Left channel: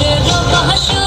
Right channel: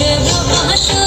মানুষের ভাষা